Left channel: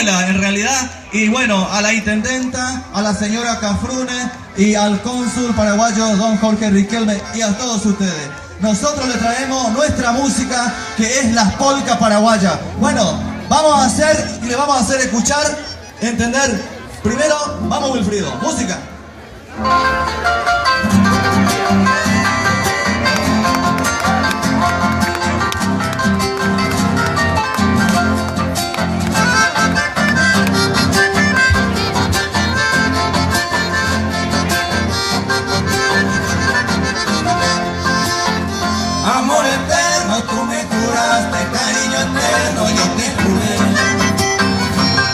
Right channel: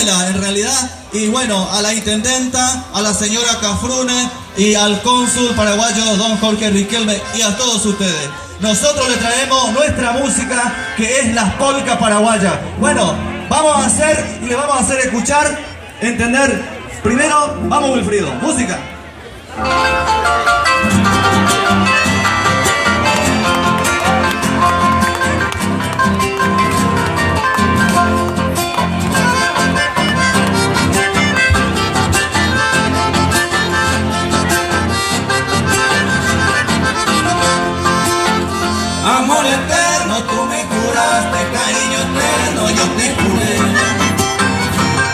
escuela en realidad, y bueno, a la intendenta, a la señora Cafrune y al cónsul paraguayo don Jorge Riquelme y a todos ustedes. Nosotros les traemos nuestra música, que es las polcas paraguayas. Bueno, vamos a hacer y le vamos a hacer escuchar, entender. Primero, vamos Wilfrido, música. Amor eterno, tú me curaste, cariño eterno, yo te juré.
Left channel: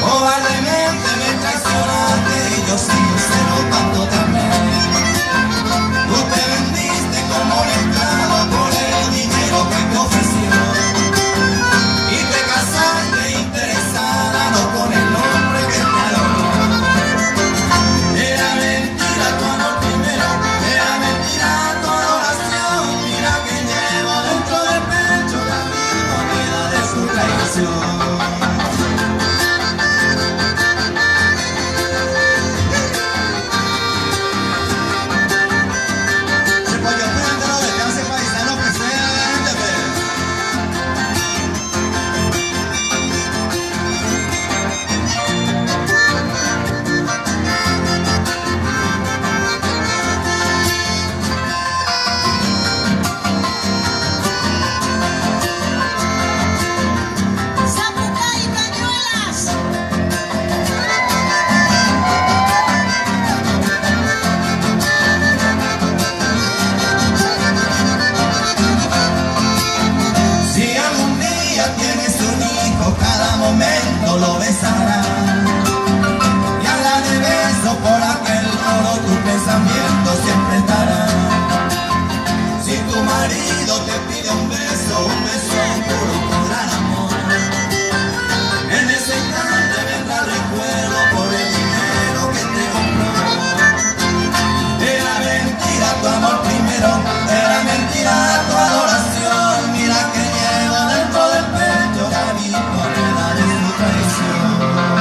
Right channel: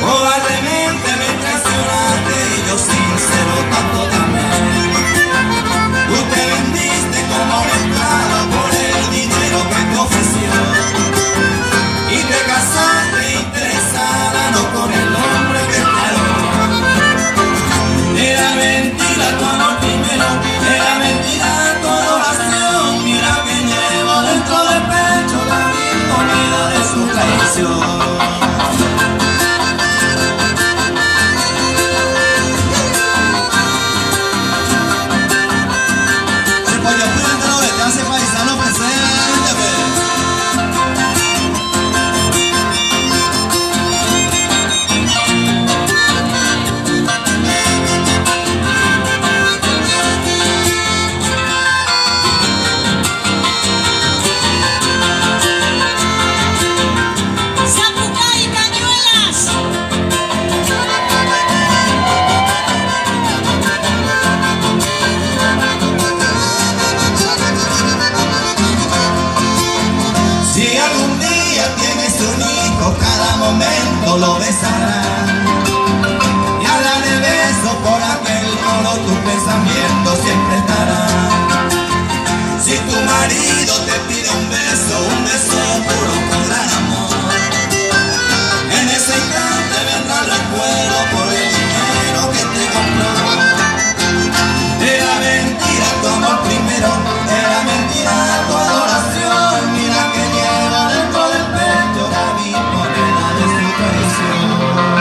Cobardemente me traicionaste y yo sincero tanto también. Tú te vendiste como un esclavo por el dinero que te ofreció. Y te casaste interesada, no con el hombre que te adoró. Era mentira tu amor primero, era mentira tu adoración. Mira que llevo dentro del pecho la mil moneda de su traición. Momento lo besarán y habla de beso por aquel oro, tu pensamiento siempre estará. Si tu marido te pide un beso puro, con gran amor, en ese instante vendrá el recuerdo por el dinero que te compró. Era mentira tu amor primero, era mentira tu adoración. Mira que llevo dentro del pecho la misma moneda de su traición.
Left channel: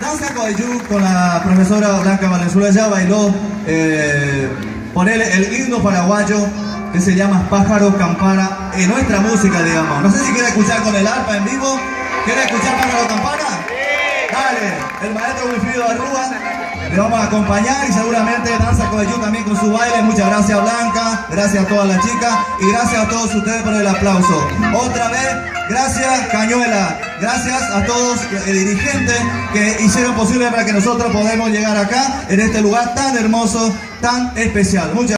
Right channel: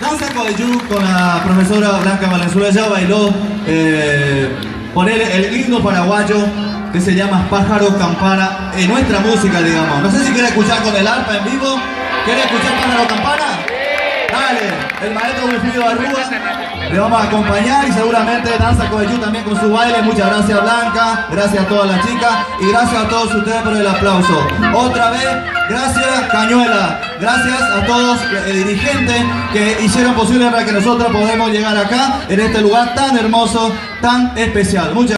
Danza Coayú con la profesora Blanca Valenzuela ya bailó poner el himno paraguayo que se llama Pájaro Campana en nuestra música, digamos. No sé si quiere escuchar con el arpa en vivo. ¿Quiere escuchar Pájaro Campana? Dale, el maestro Wilfrido Arrúa le vamos a acompañar y seguramente Danza Coayú también con su baile. Muchas gracias Blanca, gracias a todas las chicas y gracias a todos ustedes por el aplauso. Otra vez, gracias Cañuela, gracias a todos los dirigentes que hicieron posible para que nosotros podamos llegar acá en este lugar tan hermoso, tan especial. Muchas